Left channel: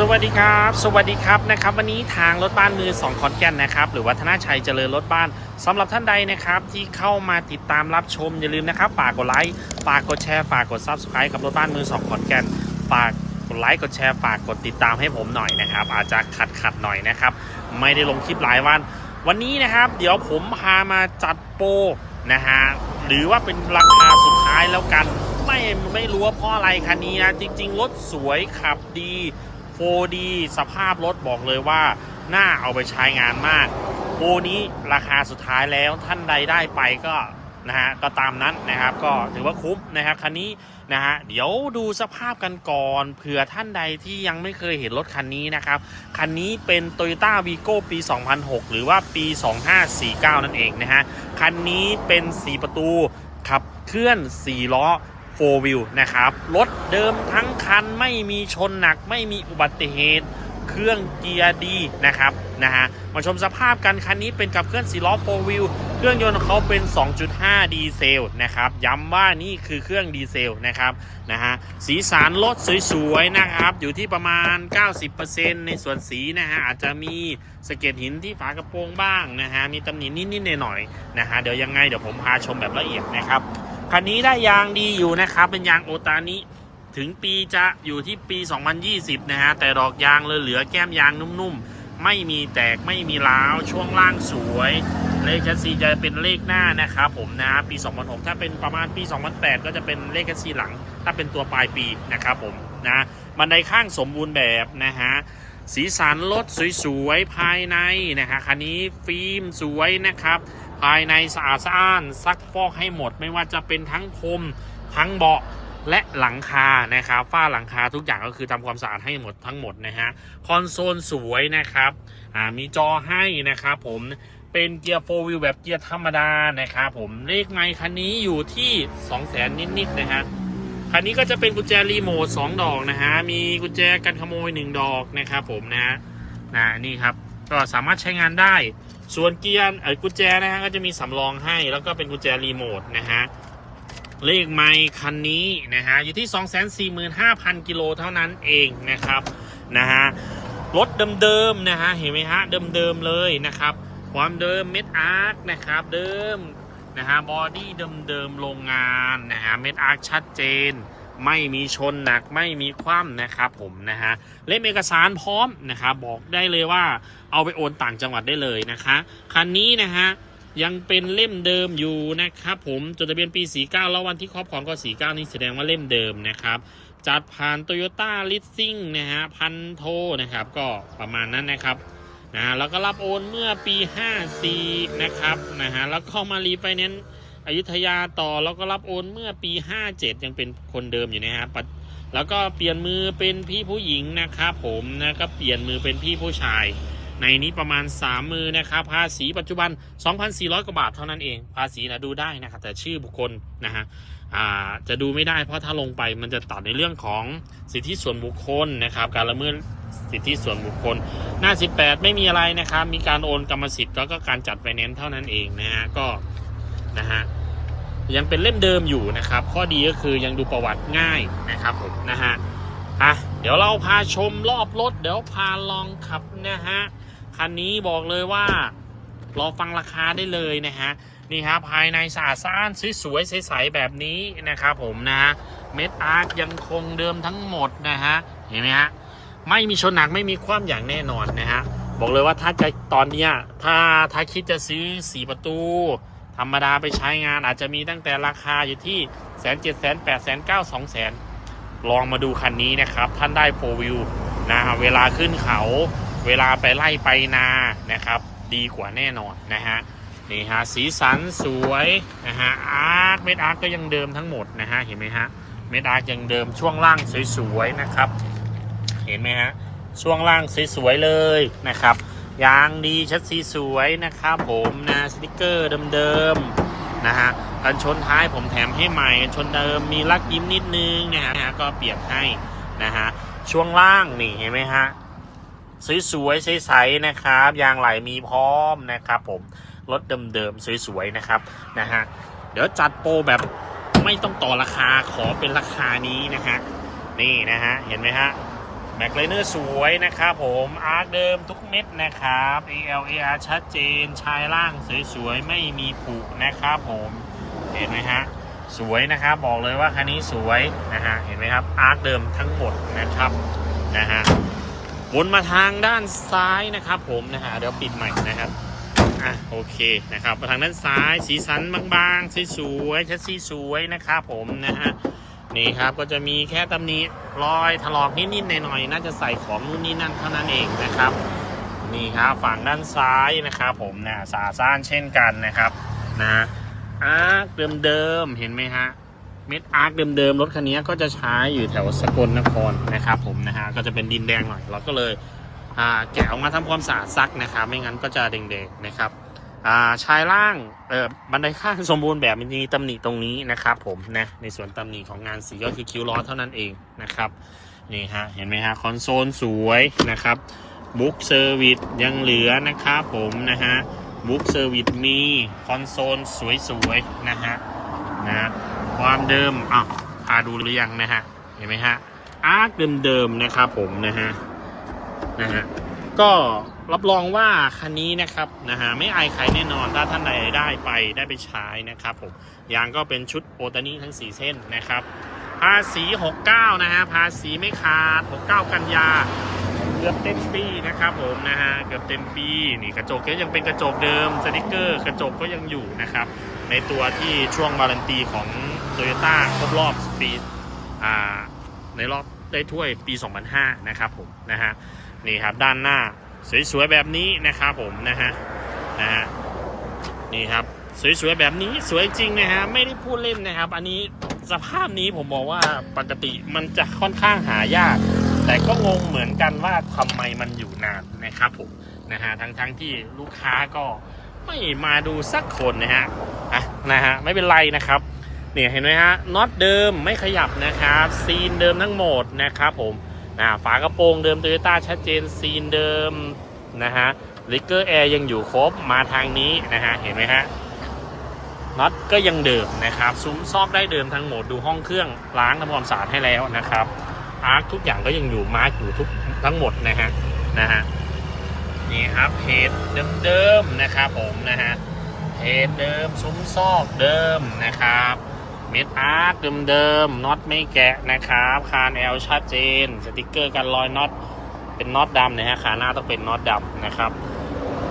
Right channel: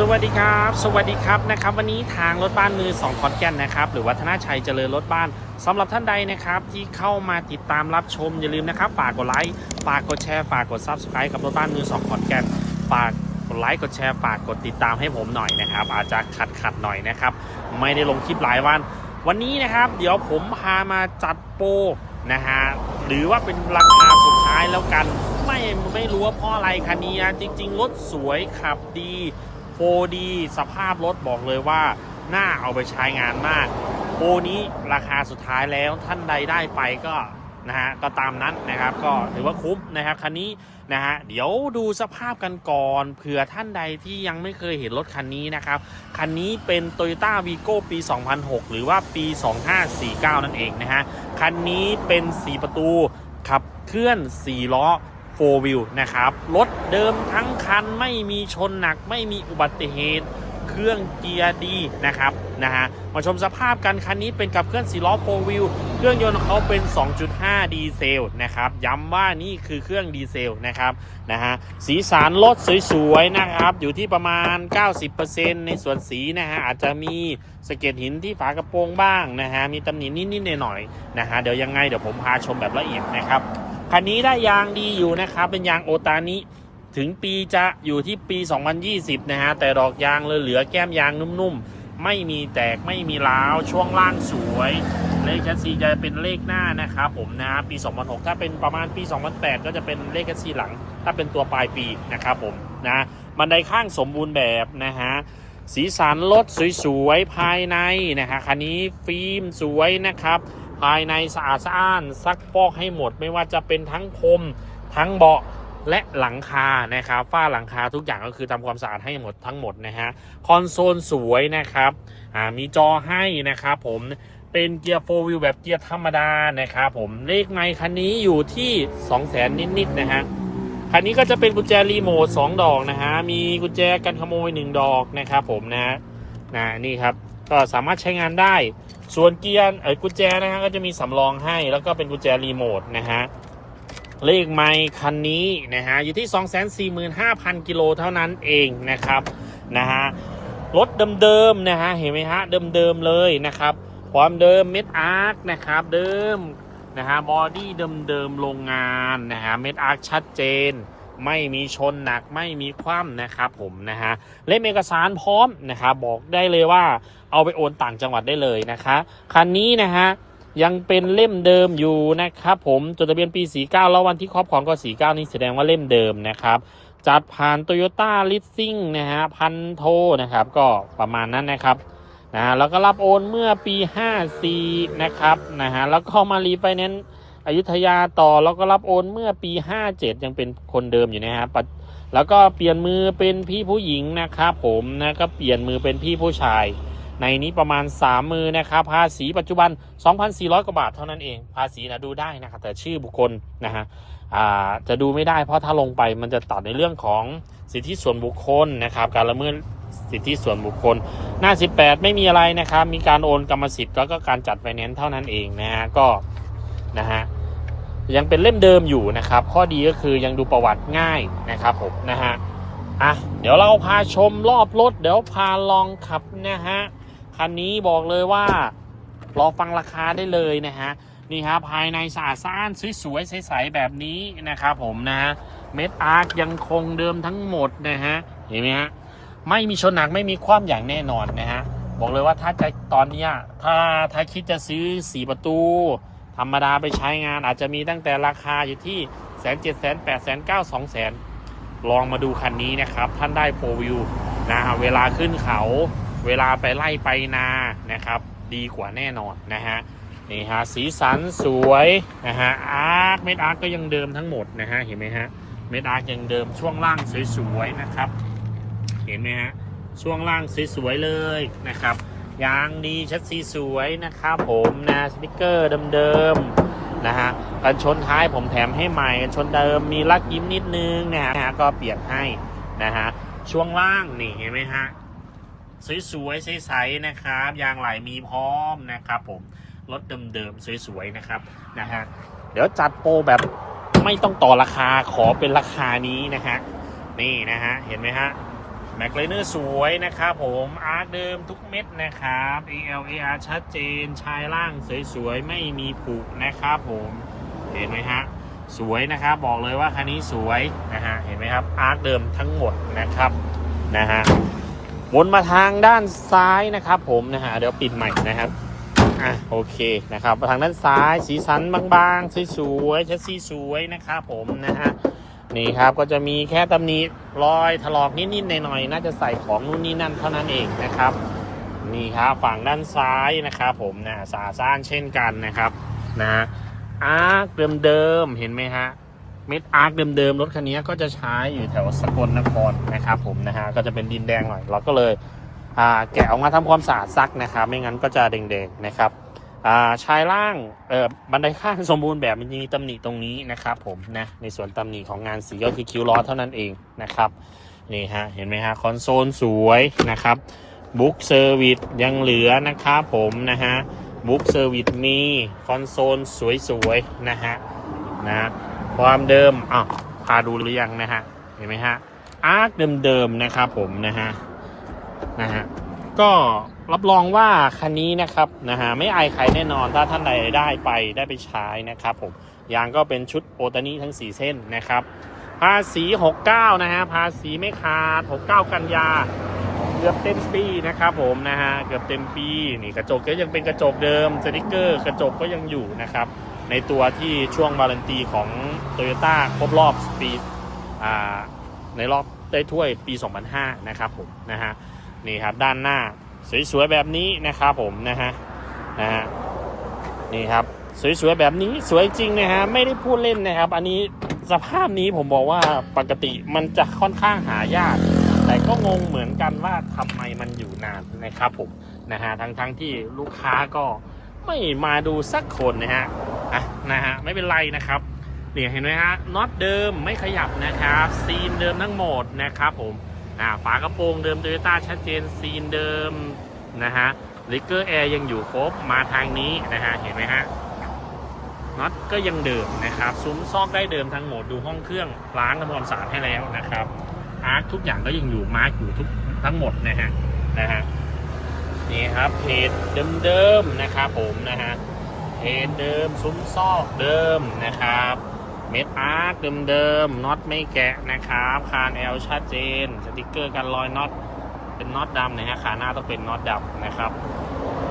สวัสดีครับ สวัสดีครับนะครับ วันนี้ทางรถบ้านมือ2ขอนแก่นนะครับ หรือวัฒนาชัยเจริญรถบ้านสำหรับท่านใดนะครับ ที่เข้ามาติดตามรับชมอย่าลืมนะครับฝากกดไลค์ฝากกดแชร์ฝากกด Subscribe กับรถบ้านมือ2ขอนแก่นฝากกดไลค์กดแชร์ฝากกดติดตามให้ผมหน่อยนะครับ อาจจะขัดขัดหน่อยนะครับ ไม่ได้ลงคลิปหลายวัน วันนี้นะครับ เดี๋ยวผมพามาจัดโปรนะฮะหรือว่าเป็นราคาสุดท้ายแล้วกัน ไม่ไม่รู้ว่าเพราะอะไรคันนี้นะจริง ๆ รถสวยขับดี 4D สภาพรถบอกเลยว่าน่าเอาไปใช้งานมากโปรนี้ราคาสุดท้ายแล้วท่านใดได้ไปก็นะฮะก็ตามนั้นนะครับก็ถือว่าคุ้มนะครับคันนี้นะฮะเดี๋ยวดูสภาพกันก่อนเผื่อท่านใดที่ยังไม่เคยเห็นรถคันนี้นะครับคันนี้เป็น Toyota Vigo ปี 2006 หรือว่าปี 2549 นั่นเองนะฮะคันนี้เป็น 4 ประตูขับเคลื่อน 4 ล้อ 4 wheel นะครับ รถเดิมทั้งคันไม่มีชนหนักไม่มีอุบัติเหตุ เครื่องเกียร์ดีนะครับนะฮะมาชมสภาพกันคันนี้เป็นกับเคลื่อน4ล้อ4 wheel เครื่องยนต์เขาเป็น 2.5 ดีเซลนะครับ ย้ำว่านี่คือเครื่องดีเซลนะครับนะฮะสีสันรถสวยๆนะครับ อยู่ที่ประมาณ 90%ในส่วนสีนะฮะอาจจะมีสะเก็ดหินที่ฝากระโปรงบ้างนะฮะมีตำหนินิดๆหน่อยๆนะฮะเดี๋ยวยังไงเดี๋ยวผมพาชมแบบละเอียดนะครับ คันนี้ได้ยางดีอยู่นะครับ เป็นยางโอตานิถึงปีจะอยู่ที่ปี 2020 นะฮะ แต่ดอกยางเลยเหลือแก้มยางนุ่มๆ ไม่มีแตกไม่มีร้าว ช่วงล่างสวย เลขแคสซีจะเป็นเลขหน้านะครับผมนะ ปี 2006 ถ้าเป็นประมาณปี 2008 ก็จะเป็นเลขแคสซีหลัง ถ้าเป็นตัวปลายปีนะครับผมนะบันไดข้างสมบูรณ์แบบนะฮะ สีสันรถสวยๆ ภายในนะฮะ คันนี้ฟิล์มสวยนะครับ ภายในสะอาดสะอ้านซักฟอกให้หมด ไม่ว่าจะเป็นทั้งพรมทั้งเบาะและหลังคานะครับฝ้าหลังคาทุกอย่างก็คือทำความสะอาดให้หมดทั้งหมดนะฮะคอนโซลสวยนะครับมีจอให้นะครับผมเป็นเกียร์โฟวิลแบบเกียร์ธรรมดานะครับผมเลขไมค์คันนี้อยู่ที่2 0 0แสนนิดๆนะฮะคันนี้ก็จะเป็นกุญแจรีโมท2ดอกนะฮะมีกุญแจกันขโมย 1 ดอกนะครับผมนะนะนี่ครับก็สามารถใช้งานได้ ส่วนเกียร์เออกุญแจนะฮะก็จะมีสำรองให้แล้วก็เป็นกุญแจรีโมทนะฮะเลขไมค์คันนี้นะฮะอยู่ที่ 245,000 กิโลเท่านั้นเองนะครับนะฮะรถเดิมๆนะฮะเห็นไหมฮะเดิมๆเลยนะครับ ความเดิมเม็ดอาร์คนะครับเดิมนะฮะบอดี้เดิมๆโรงงานนะฮะเม็ดอาร์คชัดเจน ไม่มีชนหนักไม่มีคว่ำนะครับผมนะฮะเล่มเอกสารพร้อมนะครับบอกได้เลยว่า เอาไปโอนต่างจังหวัดได้เลยนะคะ คันนี้นะฮะยังเป็นเล่มเดิมอยู่นะครับผมจดทะเบียนปี 49 แล้ววันที่ครอบครองก็ 49 นี่แสดงว่าเล่มเดิมนะครับ จัดผ่าน Toyota l e a s i n g นะฮะพันโทนะครับก็ประมาณนั้นนะครับนะแล้วก็รับโอนเมื่อปี 54 นะครับนะฮะแล้วก็มารีไฟแนนซ์อยุธยาต่อแล้วก็รับโอนเมื่อปี 57 ยังเป็นคนเดิมอยู่นะฮะแล้วก็เปลี่ยนมือเป็นพี่ผู้หญิงนะครับผมนะก็เปลี่ยนมือเป็นพี่ผู้ชาย ในนี้ประมาณ 3 มือนะครับภาษีปัจจุบัน 2,400 กว่าบาทเท่านั้นเอง ภาษีนะดูได้นะครับแต่ชื่อบุคคลนะฮะจะดูไม่ได้เพราะถ้าลงไปมันจะตัดในเรื่องของสิทธิส่วนบุคคลนะครับการละเมิดสิทธิส่วนบุคคล หน้า 18 ไม่มีอะไรนะครับ มีการโอนกรรมสิทธิ์แล้วก็การจัดไฟแนนซ์เท่านั้นเองนะฮะก็นะฮะยังเป็นเล่มเดิมอยู่นะครับ ข้อดีก็คือยังดูประวัติง่ายนะครับผมนะฮะอะเดี๋ยวเราพาชมรอบรถ เดี๋ยวพาลองขับนะฮะ คันนี้บอกเลยว่ารอฟังราคาได้เลยนะฮะนี่ฮะภายในสะอาดสะอ้านสวยๆใสๆแบบนี้นะครับผมนะฮะเม็ดอาร์ตยังคงเดิมทั้งหมดนะฮะเห็นไหมฮะไม่มีชนหนักไม่มีความอย่างแน่นอนนะฮะบอกเลยว่าถ้าจะตอนเนี้ยถ้าถ้าคิดจะซื้อสีประตู ธรรมดาไปใช้งานอาจจะมีตั้งแต่ราคาอยู่ที่แสนเจ็ดแสนแปดแสนเก้าสองแสนลองมาดูคันนี้นะครับ ท่านได้โฟวิวนะฮะเวลาขึ้นเขา เวลาไปไล่ไปนานะครับ ดีกว่าแน่นอนนะฮะนี่ฮะสีสันสวยนะฮะอาร์คเม็ดอาร์คก็ยังเดิมทั้งหมดนะฮะเห็นไหมฮะเม็ดอาร์คยังเดิมช่วงล่างสวยๆนะครับ เห็นไหมฮะช่วงล่างสวยๆเลยนะครับยางดีชัดซีสวยนะครับผมนะสติกเกอร์เดิมๆนะฮะกันชนท้ายผมแถมให้ใหม่กันชนเดิมมีลักยิ้มนิดนึงนะฮะก็เปลี่ยนให้นะฮะช่วงล่างนี่เห็นไหมฮะ สวยๆใสๆนะครับ ยางไหลมีพร้อมนะครับ ผมรถเดิมๆสวยๆนะครับนะฮะเดี๋ยวจัดโปรแบบไม่ต้องต่อราคาขอเป็นราคานี้นะฮะนี่นะฮะเห็นไหมฮะแม็กไลเนอร์สวยนะครับผมอาร์คเดิมทุกเม็ดนะครับ ALAR ชัดเจนชายล่างสวยๆไม่มีผุนะครับผมเห็นไหมฮะสวยนะครับบอกเลยว่าคันนี้สวยนะฮะเห็นไหมครับอาร์คเดิมทั้งหมดนะครับนะฮะ วนมาทางด้านซ้ายนะครับ ผมนะฮะเดี๋ยวปิดใหม่นะครับโอเคนะครับทางด้านซ้ายสีสันบางๆสวยๆชัดซีสวยนะครับผมนะฮะนี่ครับก็จะมีแค่ตำหนิรอยถลอกนิดๆหน่อยๆน่าจะใส่ของนู่นนี่นั่นเท่านั้นเองนะครับ นี่ครับฝั่งด้านซ้ายนะครับผมนะสาซ่านเช่นกันนะครับนะอาร์คเดิมๆเห็นไหมฮะ เม็ดอาร์คเดิมๆรถคันนี้ก็จะใช้อยู่แถวสกลนครนะครับผมนะฮะก็จะเป็นดินแดงหน่อย เราก็เลยแกะออกมาทำความสะอาดซักนะครับ ไม่งั้นก็จะแดงๆนะครับอ่าชายล่างเอ่อบันไดข้างสมบูรณ์แบบมันจะมีตำหนิตรงนี้นะครับผมนะในส่วนตำหนิของงานสีก็คือคิ้วล้อเท่านั้นเองนะครับนี่ฮะเห็นไหมฮะคอนโซลสวยนะครับบุ๊กเซอร์วิสยังเหลือนะครับผมนะฮะบุ๊กเซอร์วิสมีคอนโซลสวยๆนะฮะนะ ความเดิมอ้าวพาดูหรือยังนะฮะ เห็นไหมฮะ อาร์คเดิมๆนะครับผมนะฮะ นะฮะ ก็รับรองว่าคันนี้นะครับนะฮะไม่อายใครแน่นอนถ้าท่านใดได้ไปได้ไปใช้นะครับผมยางก็เป็นชุดโอตานีทั้ง 4 เส้นนะครับ ภาษี 69 นะฮะ ภาษีไม่ขาด 69 กันยาเกือบเต็มปีนะครับผมนะฮะเกือบเต็มปีนี่กระจกก็ยังเป็นกระจกเดิมสติกเกอร์ กระจกก็ยังอยู่นะครับ ในตัวที่ช่วงวารันตีของโตโยต้าครบรอบปีอ่าในรอบได้ถ้วยปี 2005 นะครับผมนะฮะนี่ครับด้านหน้าสวยๆแบบนี้นะครับผมนะฮะนะฮะนี่ครับสวยๆแบบนี้สวยจริงนะฮะไม่ได้พูดเล่นนะครับ อันนี้สภาพนี้ผมบอกว่าปกติมันจะค่อนข้างหายาก แต่ก็งงเหมือนกันว่าทำไมมันอยู่นานนะครับผมนะฮะทั้งทั้งที่ลูกค้าก็ไม่มาดูสักคนนะฮะ อะนะฮะไม่เป็นไรนะครับเนี่ยเห็นไหมฮะน็อตเดิมไม่ขยับนะครับซีนเดิมทั้งหมดนะครับผมนะฝากระโปรงเดิมโตโยต้าชัดเจนซีนเดิมนะฮะลิเกอร์แอร์ยังอยู่ครบมาทางนี้นะฮะเห็นไหมฮะน็อตก็ยังเดิมนะครับซุ้มซอกได้เดิมทั้งหมดดูห้องเครื่องล้างทำความสะอาดให้แล้วนะครับอาร์คทุกอย่างก็ยังอยู่มาร์กอยู่ทุกทั้งหมดนะฮะนะฮะนี่ครับเพจเดิมๆนะครับผมนะฮะ เพจเดิม ซุ้มซอกเดิมนะครับเม็ดอาร์คเดิมๆน็อตไม่แกะนะครับคานแอลชัดเจน สติกเกอร์กันรอยน็อตเป็นน็อตดำนะฮะขาหน้าต้องเป็นน็อตดำนะครับ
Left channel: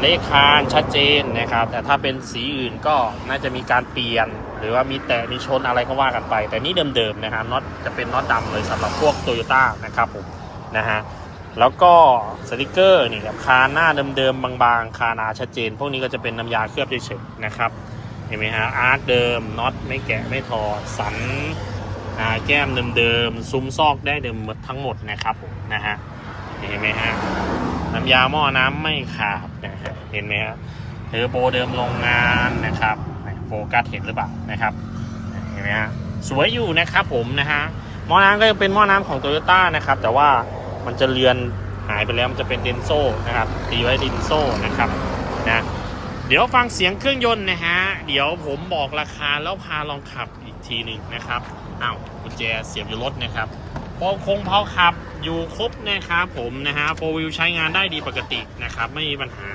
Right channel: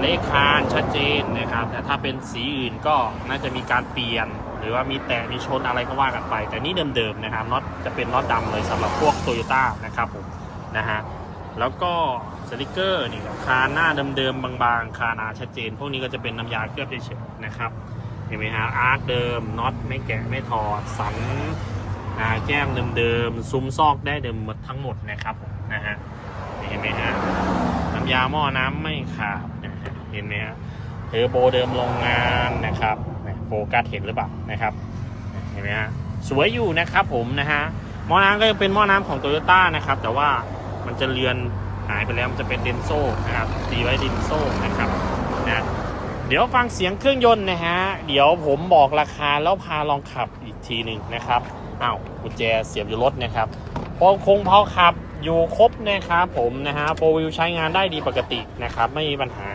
เลขคานชัดเจนนะครับ แต่ถ้าเป็นสีอื่นก็น่าจะมีการเปลี่ยน หรือว่ามีแตะมีชนอะไรก็ว่ากันไป แต่นี่เดิมๆนะครับน็อตจะเป็นน็อตดำเลยสำหรับพวกโตโยต้านะครับผมนะฮะ แล้วก็สติกเกอร์นี่ครับคานหน้าเดิมๆบางๆ คาหนาชัดเจน พวกนี้ก็จะเป็นน้ำยาเคลือบเฉยๆนะครับเห็นไหมฮะอาร์คเดิมน็อตไม่แกะไม่ถอดสันแก้มเดิมๆซุ้มซอกได้เดิมหมดทั้งหมดนะครับนะฮะเห็นไหมฮะน้ำยาหม้อน้ำไม่ขาดนะฮะเห็นไหมฮะเทอร์โบเดิมโรงงานนะครับโฟกัสเห็นหรือเปล่านะครับเห็นไหมฮะสวยอยู่นะครับผมนะฮะหม้อน้ำก็ยังเป็นหม้อน้ำของโตโยต้านะครับแต่ว่า มันจะเลือนหายไปแล้วมันจะเป็นเดนโซ่นะครับตีไว้เดนโซ่นะครับนะเดี๋ยวฟังเสียงเครื่องยนต์นะฮะเดี๋ยวผมบอกราคาแล้วพาลองขับอีกทีหนึ่งนะครับอ้าวกุญแจเสียบอยู่รถนะครับพอคงเพาขับอยู่ครบนะครับผมนะฮะโฟวิวใช้งานได้ดีปกตินะครับไม่มีปัญหา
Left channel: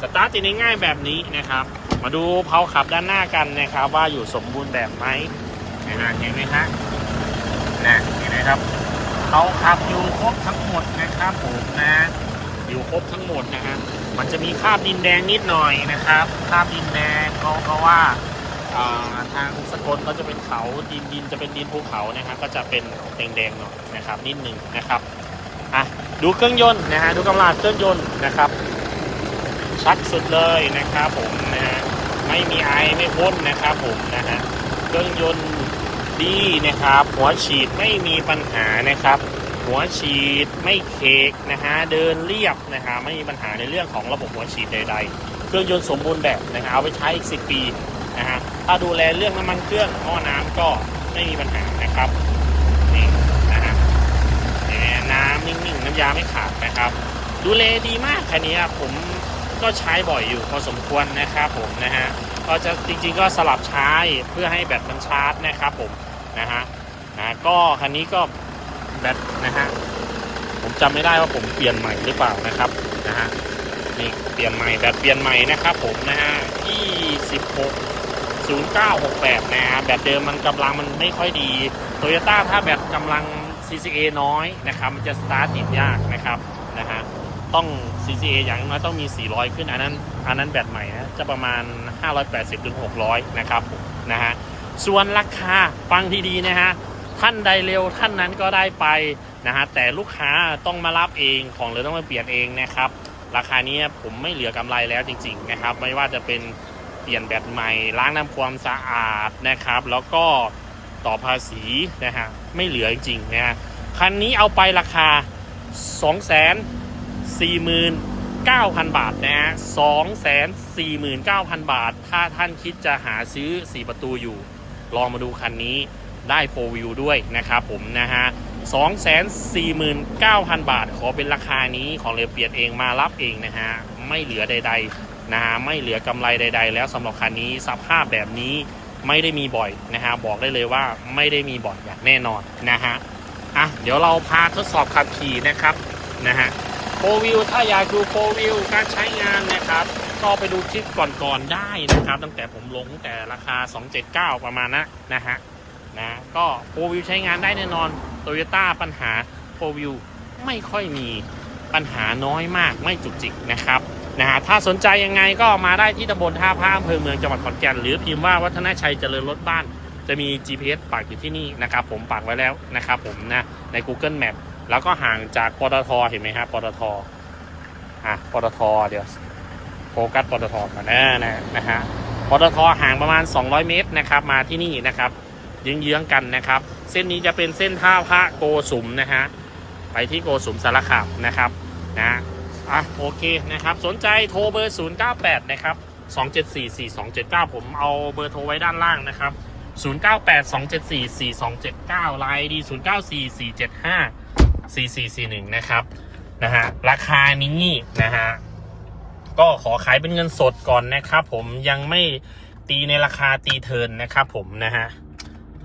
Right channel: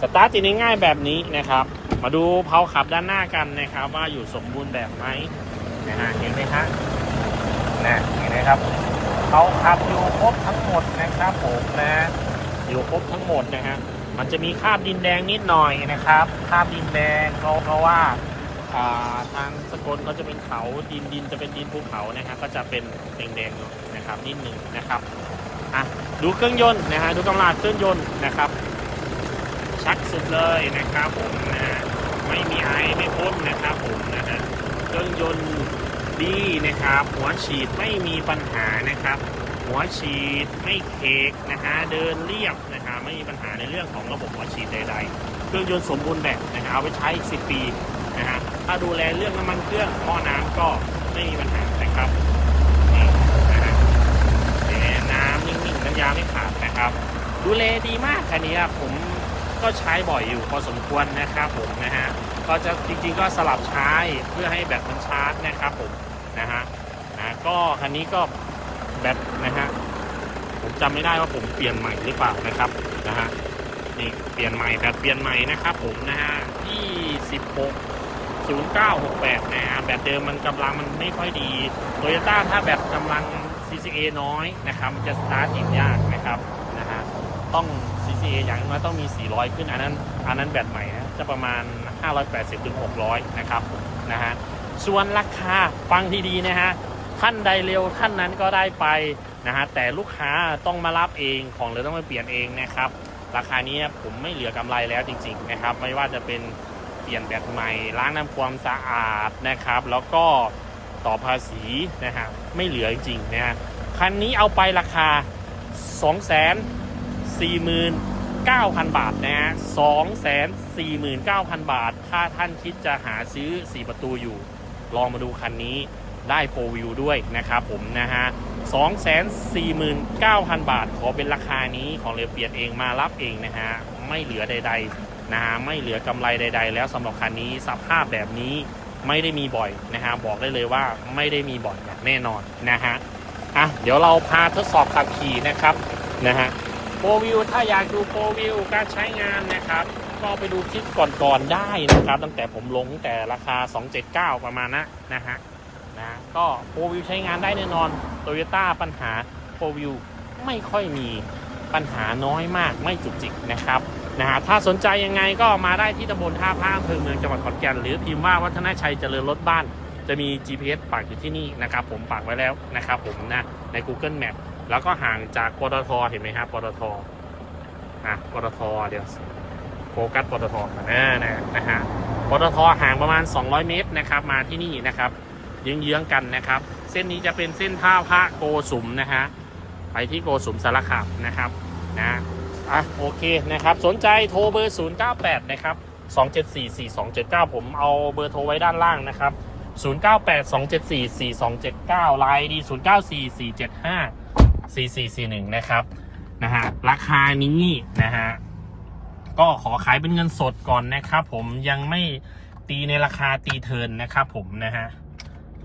สตาร์ทติดง่ายแบบนี้นะครับ มาดูเพาขับด้านหน้ากันนะครับ ว่าอยู่สมบูรณ์แบบไหมนะฮะเห็นไหมฮะนะเห็นไหมครับเพาขับ อยู่ครบทั้งหมดนะครับผมนะ อยู่ครบทั้งหมดนะฮะมันจะมีคราบดินแดงนิดหน่อยนะครับคราบดินแดงเพราะเพราะว่าทางสกลเขาจะเป็นเขาดินดินจะเป็นดินภูเขานะฮะก็จะเป็นแดงๆหน่อยนะครับนิดหนึ่งนะครับอะดูเครื่องยนต์นะฮะดูกำลังเครื่องยนต์นะครับ ชักสุดเลยนะครับผมนะฮะไม่มีไอไม่พ่นนะครับผมนะฮะเครื่องยนต์ดีนะครับ หัวฉีดไม่มีปัญหานะครับ หัวฉีดไม่เคกนะฮะเดินเรียบนะฮะไม่มีปัญหาในเรื่องของระบบหัวฉีดใด ๆ เครื่องยนต์สมบูรณ์แบบนะฮะเอาไปใช้อีกสิปีนะฮะถ้าดูแลเรื่องน้ำมันเครื่องหม้อน้ำก็ไม่มีปัญหานะครับนี่นะฮะน้ำนิ่งๆน้ำยาไม่ขาดนะครับ ดูแลดีมากคันนี้ผมก็ใช้บ่อยอยู่พอสมควรนะครับผมนะฮะก็จะจริง ๆ ก็สลับใช้เพื่อให้แบตมันชาร์จนะครับผมนะฮะนะก็คันนี้ก็ แบตนะฮะผมจำไม่ได้ว่าผมเปลี่ยนใหม่หรือเปล่านะครับนะฮะนี่เปลี่ยนใหม่แบตเปลี่ยนใหม่นะครับผมนะฮะที่16 0968 นะฮะแบตเดิมมันกำลังมันไม่ค่อยดีโตโยต้าถ้าแบตกำลัง CCA น้อยนะครับมันจะสตาร์ทติดยากนะครับนะฮะต้อง CCA อย่างน้อยต้องมี 400 ขึ้น อันนั้น อันนั้นแบตใหม่นะ จะประมาณ 580ถึง600 นะครับผมนะฮะ ส่วนราคา ฟังที่ดีนะฮะ ท่านใดเร็วท่านนั้นก็ได้ไปนะฮะแต่ลูกค้าต้องมารับเองของเลยต้องมาเปลี่ยนเองนะครับ ราคานี้ผมไม่เหลือกำไรแล้วจริง ๆนะครับ ไม่ว่าจะเป็นเปลี่ยนแบตใหม่ล้างน้ำความสะอาดนะครับ แล้วก็ต่อภาษีนะฮะไม่เหลือจริงๆนะฮะคันนี้เอาไปราคา 2 4 9 0 0 0 บาทนะฮะ2 4 9 0 0 0 บาท ถ้าท่านคิดจะหาซื้อ 4 ประตูอยู่ ลองมาดูคันนี้ ได้โฟวิวด้วยนะครับผมนะฮะ249,000 บาท ขอเป็นราคานี้ของเรือเปลี่ยนเองมารับเองนะฮะ ไม่เหลือใด ๆ นะฮะ ไม่เหลือกำไรใด ๆ แล้วสำหรับคันนี้สภาพแบบนี้ไม่ได้มีบ่อยนะฮะ บอกได้เลยว่าไม่ได้มีบ่อยอย่างแน่นอนนะฮะ อะ เดี๋ยวเราพาทดสอบขับขี่นะครับ นะฮะโฟวิวถ้าอยากดูโฟวิวการใช้งานนะครับ ก็ไปดูคลิปก่อนๆได้นะครับ ตั้งแต่ผมลงตั้งแต่ราคา 279 ประมาณนะนะฮะ นะ ก็โฟวิวใช้งานได้แน่นอนโตโยต้าปัญหาโฟวิวไม่ค่อยมีปัญหาน้อยมากไม่จุกจิกนะครับนะฮะถ้าสนใจยังไงก็มาได้ที่ตำบลท่าพระอำเภอเมืองจังหวัดขอนแก่นหรือพิมพ์ว่าวัฒนชัยเจริญรถบ้าน จะมี GPS ปักอยู่ที่นี่นะครับ ผมปักไว้แล้วนะครับผมนะใน Google Map แล้วก็ห่างจากปตทเห็นไหมครับปตทอะปตทเดี๋ยวโฟกัสปตทก่อนนะนะนะฮะปตทห่างประมาณ 200 เมตรนะครับ มาที่นี่นะครับ เยื้องๆกันนะครับ เส้นนี้จะเป็นเส้นท่าพระโกสุมนะฮะไปที่โกสุมสารคามนะครับนะอะโอเคนะครับ สนใจโทรเบอร์ 098 นะครับ 2744279 ผมเอาเบอร์โทรไว้ด้านล่างนะครับ 098-274-4279ไลน์ดี 0944754441 นะครับนะฮะราคานี้นะฮะก็ขอขายเป็นเงินสดก่อนนะครับ ผมยังไม่ตีในราคาตีเทินนะครับผมนะฮะ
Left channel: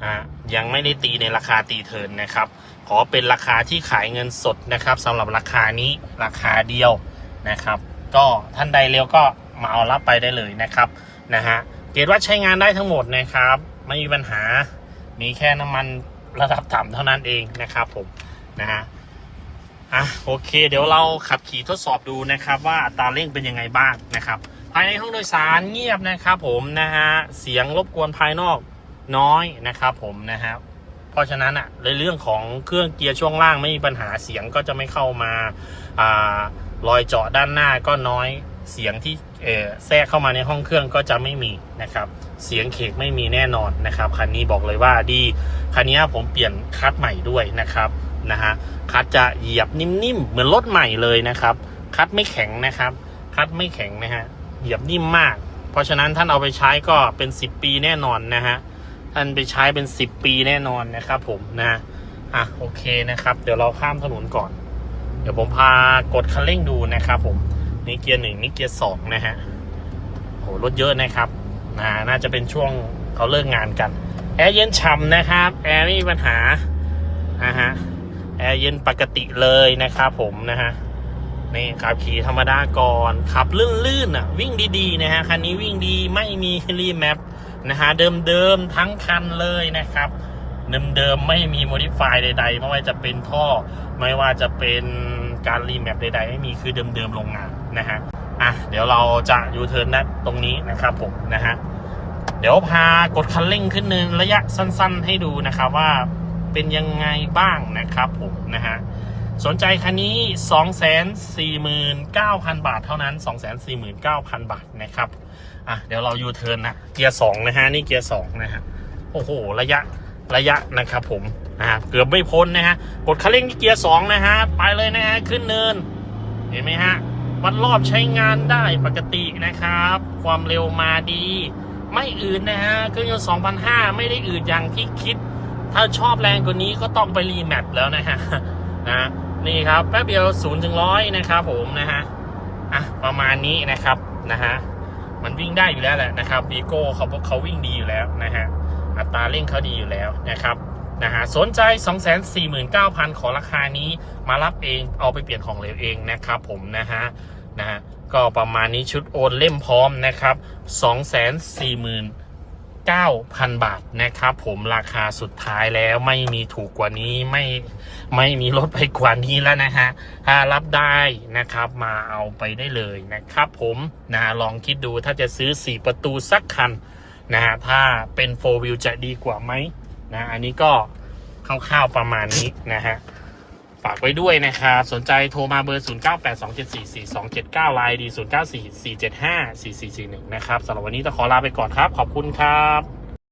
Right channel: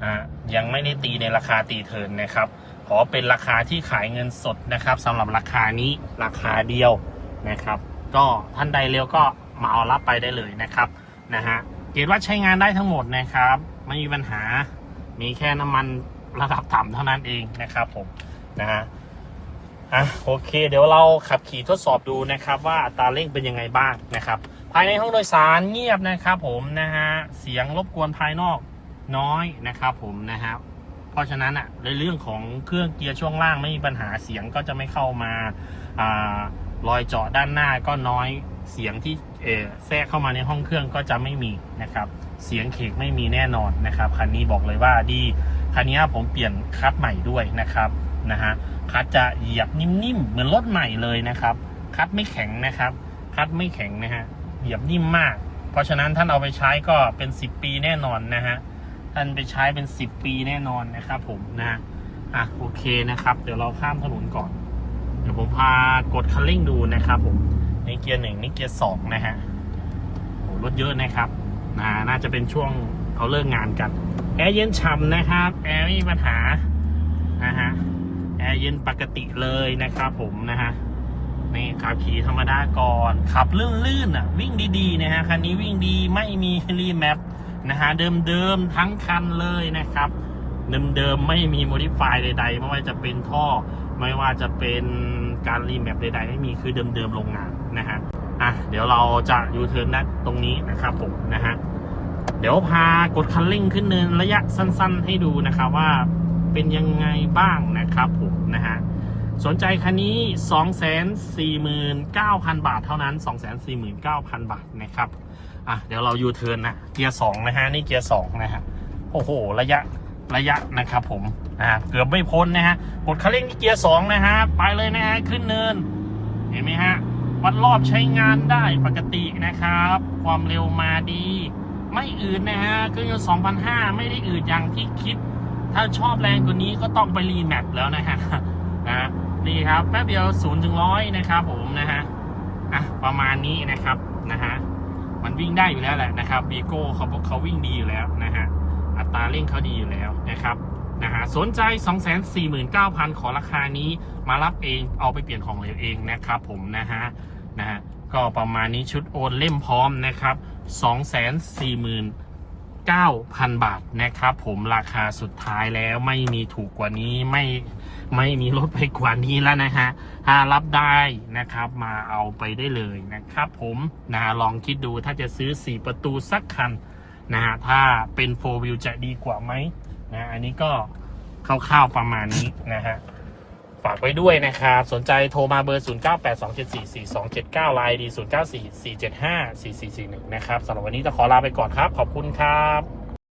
อ่ายังไม่ได้ตีในราคาตีเทินนะครับ ขอเป็นราคาที่ขายเงินสดนะครับสำหรับราคานี้ราคาเดียวนะครับ ก็ท่านใดเร็วก็มาเอารับไปได้เลยนะครับนะฮะเกรดว่าใช้งานได้ทั้งหมดนะครับ ไม่มีปัญหามีแค่น้ำมันระดับต่ำเท่านั้นเองนะครับผมนะฮะอะโอเค เดี๋ยวเราขับขี่ทดสอบดูนะครับ ว่าอัตราเร่งเป็นยังไงบ้างนะครับ ภายในห้องโดยสารเงียบนะครับผมนะฮะเสียงรบกวนภายนอก น้อยนะครับผมนะครับเพราะฉะนั้นอะในเรื่องของเครื่องเกียร์ช่วงล่างไม่มีปัญหาเสียงก็จะไม่เข้ามาอ่ารอยเจาะด้านหน้าก็น้อยเสียงที่แทรกเข้ามาในห้องเครื่องก็จะไม่มีนะครับ เสียงเขกไม่มีแน่นอนนะครับคันนี้บอกเลยว่าดีคันนี้ผมเปลี่ยนคัดใหม่ด้วยนะครับนะฮะคัดจะเหยียบนิ่มๆเหมือนรถใหม่เลยนะครับ คัดไม่แข็งนะครับ คัดไม่แข็งนะฮะเหยียบนิ่มมาก เพราะฉะนั้นท่านเอาไปใช้ก็เป็น 10 ปีแน่นอนนะฮะ ท่านไปใช้เป็น 10 ปีแน่นอนนะครับผมนะอะโอเคนะครับ เดี๋ยวเราข้ามถนนก่อน เดี๋ยวผมพากดคันเร่งดูนะครับผมนี่เกียร์หนึ่งนี่เกียร์สองนะฮะโอ้รถเยอะนะครับนะน่าจะเป็นช่วงเขาเลิกงานกันแอร์เย็นฉ่ำนะครับแอร์ไม่มีปัญหานะฮะแอร์เย็นปกติเลยนะครับผมนะฮะนี่ขับขี่ธรรมดาก่อนขับลื่นๆอะ วิ่งดีๆนะฮะคันนี้วิ่งดีไม่มีรีแมป นะฮะเดิมๆทั้งคันเลยนะครับ เดิมๆไม่มีโมดิฟายใด ๆ ไม่ว่าจะเป็นท่อ ไม่ว่าจะเป็นการรีแมปใดๆ ไม่มีคือเดิมๆโรงงานนะฮะอะเดี๋ยวเราจะยูเทิร์นนะตรงนี้นะครับผมนะฮะเดี๋ยวพากดคันเร่งขึ้นเนินระยะสั้นๆ ให้ดูนะครับว่าเป็นยังไงบ้างนะครับผมนะฮะสนใจคันนี้ 249,000 บาทเท่านั้น 249,000 บาทนะครับ อะเดี๋ยวเรายูเทิร์นนะเกียร์สองนะฮะนี่เกียร์สองนะฮะโอ้โห ระยะระยะนะครับผมนะฮะเกือบไม่พ้นนะฮะกดคันเร่งที่เกียร์สองนะฮะไปเลยนะฮะขึ้นเนิน เห็นไหมฮะวัดรอบใช้งานได้ปกตินะครับ ความเร็วมาดี ไม่อืดนะฮะเครื่องยนต์2,500ไม่ได้อืดอย่างที่คิด ถ้าชอบแรงกว่านี้ก็ต้องไปรีแมปแล้วนะฮะนะนี่ครับแป๊บเดียว0ถึงร้อยนะครับผมนะฮะอะประมาณนี้นะครับนะฮะ มันวิ่งได้อยู่แล้วแหละนะครับวีโก้เขาเขาวิ่งดีอยู่แล้วนะฮะอัตราเร่งเขาดีอยู่แล้วนะครับนะฮะสนใจ 249,000 ขอราคานี้มารับเองเอาไปเปลี่ยนของเหลวเองนะครับผมนะฮะนะฮะก็ประมาณนี้ชุดโอนเล่มพร้อมนะครับ 9,000 บาทนะครับผมราคาสุดท้ายแล้วไม่มีถูกกว่านี้ไม่ไม่มีลดไปกว่านี้แล้วนะฮะถ้ารับได้นะครับมาเอาไปได้เลยนะครับผมนะฮะลองคิดดูถ้าจะซื้อ 4 ประตูสักคันนะฮะถ้าเป็น 4 wheel จะดีกว่าไหมนะอันนี้ก็คร่าวๆประมาณนี้นะฮะ ฝากไว้ด้วยนะครับสนใจโทรมาเบอร์ 0982744279 ไลน์ดี 0944754441 นะครับสำหรับวันนี้ต้องขอลาไปก่อนครับ ขอบคุณครับ